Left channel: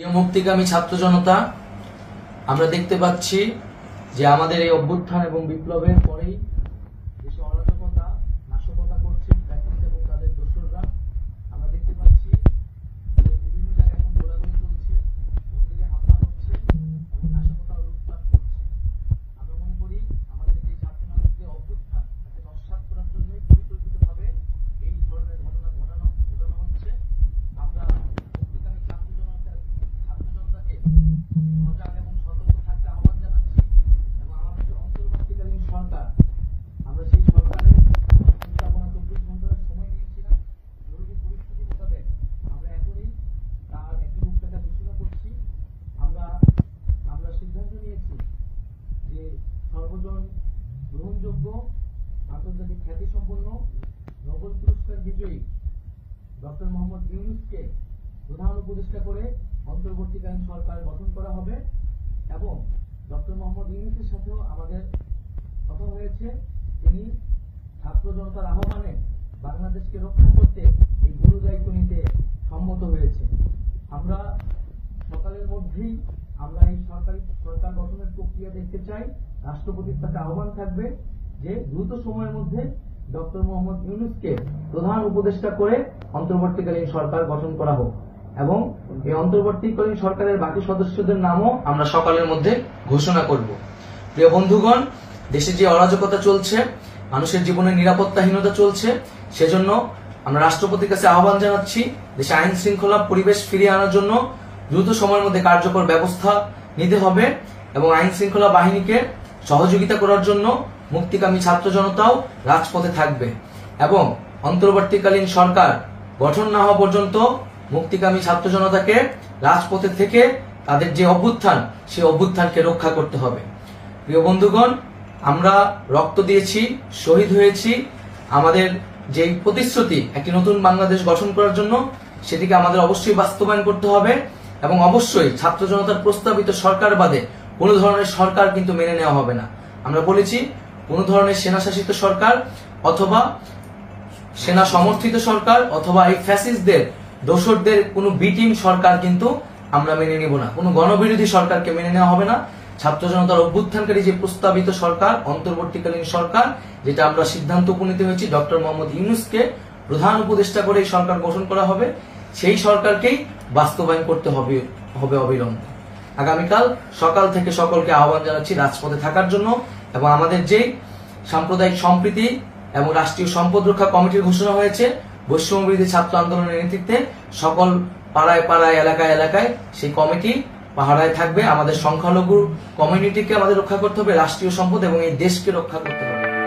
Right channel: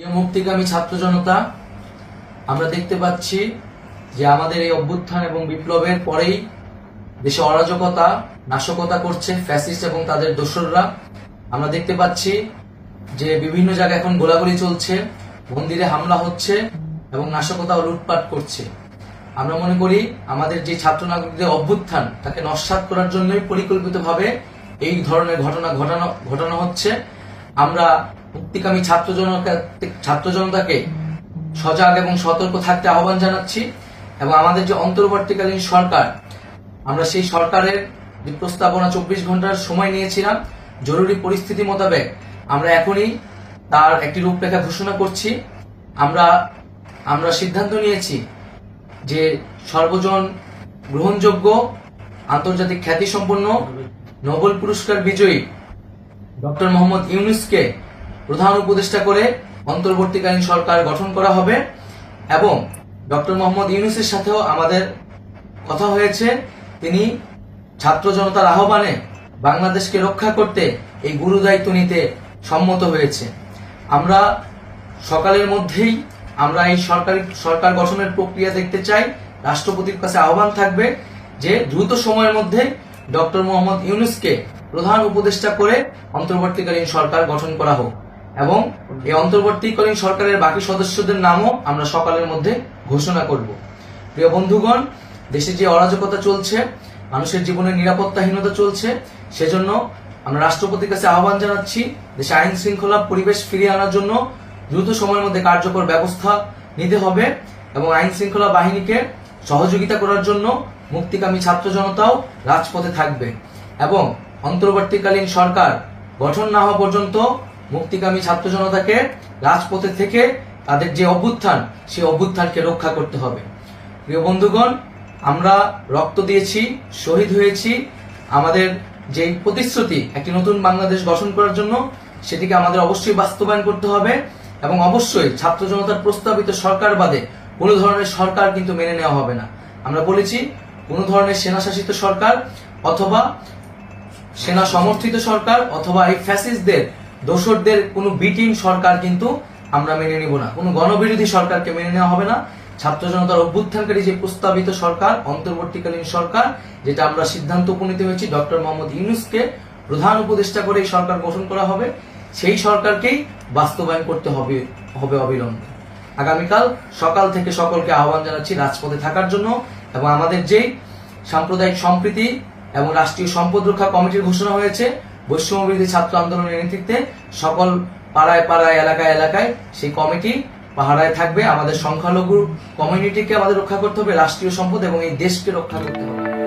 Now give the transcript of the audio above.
প্রিয় মুক্তিকামী ছাত্র জনতা, আমরা দেখতে পাচ্ছি যে আমাদের এই অভ্যুত্থান এবং বিপ্লবের পরেই দেশে অরাজকতা নাশকতা করছে ফ্যাসিস্ট এবং তাদের দোসররা। আমরা দেখতে পাচ্ছি যে বিভিন্ন জায়গায় এখন গোলাগুলি চলছে, মন্দিরে হামলা হচ্ছে এবং নাশকতা ও লুটপাট করছে। আমরা মনে করি আমাদের যে ছাত্র নাগরিকদের অভ্যুত্থান তাকে নস্যাৎ করার জন্যই পরিকল্পিতভাবে এই ধরনের ঘটনা ঘটানো হচ্ছে। আমরা মুক্তিকামী ছাত্র জনতাকে সজাগ এবং সতর্ক থাকতে আহ্বান জানাচ্ছি এবং আমাদের যে অন্তর্বর্তীকালীন সরকার, আমরা সেই সরকারের যে প্রস্তাবনা 24 ঘন্টার সময় নিয়েছিলাম, জরুরি পরিস্থিতি মোতাবেক আমরা এখনই তার একটি রূপরেখা ঘোষণা করছি। আমরা সিদ্ধান্ত নিয়েছি যে সর্বজন গ্রহণযোগ্য আন্তর্জাতিক খ্যাতিসম্পন্ন নোবেল পুরস্কার বিজয়ী ডক্টর মোহাম্মদ ইউনূসকে প্রধান উপদেষ্টা করে অন্তর্বর্তীকালীন সরকার গঠন করা হবে এবং ডক্টর মোহাম্মদ ইউনূসের সাথেও আমাদের কথা হয়েছে। তিনি ছাত্র জনতার আহ্বানে বাংলাদেশকে রক্ষা করতে এই গুরুদায়িত্ব নিতে সম্মত হয়েছে। আমরা সকালের মধ্যেই আমরা এই সরকার গঠনের প্রক্রিয়া দেখতে চাই। রাষ্ট্রপতির কাছে আহ্বান থাকবে যে দ্রুত সময়ের মধ্যে ডক্টর মোহাম্মদ ইউনূসকে প্রধান উপদেষ্টা করে অন্তর্বর্তীকালীন সরকার গঠন করা হোক এবং এই অন্তর্বর্তীকালীন সরকারের বাকি সদস্যদের নামও আমরা সকালের মধ্যে ঘোষণা করব। প্রিয় বন্ধুগণ, দেশে যে অরাজকতা চলছে, মানুষের জীবনের নিরাপত্তাহীনতা চলছে, সেজন্য আমরা রাষ্ট্রপতির কাছে আহ্বান জানাচ্ছি দেশে আইন শৃঙ্খলা পরিবেশ ফিরিয়ে আনার জন্য দ্রুত সময়ের মধ্যে কার্যকর ব্যবস্থা নিতে হবে এবং আইন শৃঙ্খলা বাহিনীকে সহযোগিতা করার জন্য মুক্তিকামী ছাত্র জনতাও রাজপথে থাকবে এবং অন্তর্বর্তীকালীন সরকার গঠন না হওয়া পর্যন্ত মুক্তিকামী ছাত্র জনতাকে রাজপথে থেকে তাদের যে অভ্যুত্থান, সেই অভ্যুত্থানকে রক্ষা করতে হবে। প্রিয় বন্ধুগণ, আমরা রক্ত দিয়েছি, শহীদ হয়েছি। আমাদের যে প্রতিশ্রুতি একটি নতুন বাংলাদেশ গঠন করার জন্য, সেটিকে আমাদের অবশ্যই বাস্তবায়ন করতে হবে এবং অবশ্যই ছাত্র জনতার প্রস্তাবিত সরকার বাদে কোনো ধরনের সরকার কিন্তু মেনে নেওয়া হবে না। আমরা বলেছি কোনো ধরনের সেনা শাসিত সরকার অথবা সেনা সমর্থিত সরকার অথবা এই ফ্যাসিস্টদের দোসরদের কোনো বিটিম সরকার কিন্তু আমরা মেনে নিব না। কোনো গণবিরোধী সরকারকে মেনে নেওয়া হবে না। ছাত্র জনতার অভ্যুত্থানকারী যে প্রস্তাবিত সরকার, অন্তর্বর্তীকালীন সরকার, যেটা আমরা সিদ্ধান্ত উপনীত হয়েছি ডক্টর মোহাম্মদ ইউনূসকে প্রধান উপদেষ্টা করে এই সরকার গঠন করা হবে, সেই সরকারকেই বাস্তবায়ন করতে হবে অবিলম্বে। আগামীকাল সকাল থেকে সকলকে আহ্বান জানাচ্ছি রাজপথে থাকার জন্য এবং আমাদের যে সাম্প্রদায়িক সম্প্রীতি এবং রাষ্ট্রীয় সম্পদ রক্ষা কমিটির ঘোষণা হয়েছে বৈষম্যবিরোধী ছাত্র আন্দোলনের নেতৃত্বে, সকল পাড়ায় পাড়ায় এলাকায় এলাকায় সেই কমিটি পাহারায় থাকবে। আমাদের সংখ্যালঘু কমিউনিটিকে আমাদের রক্ষা করতে হবে, রাষ্ট্রীয় সম্পদ এবং এই দেশকে রক্ষা করতে হবে।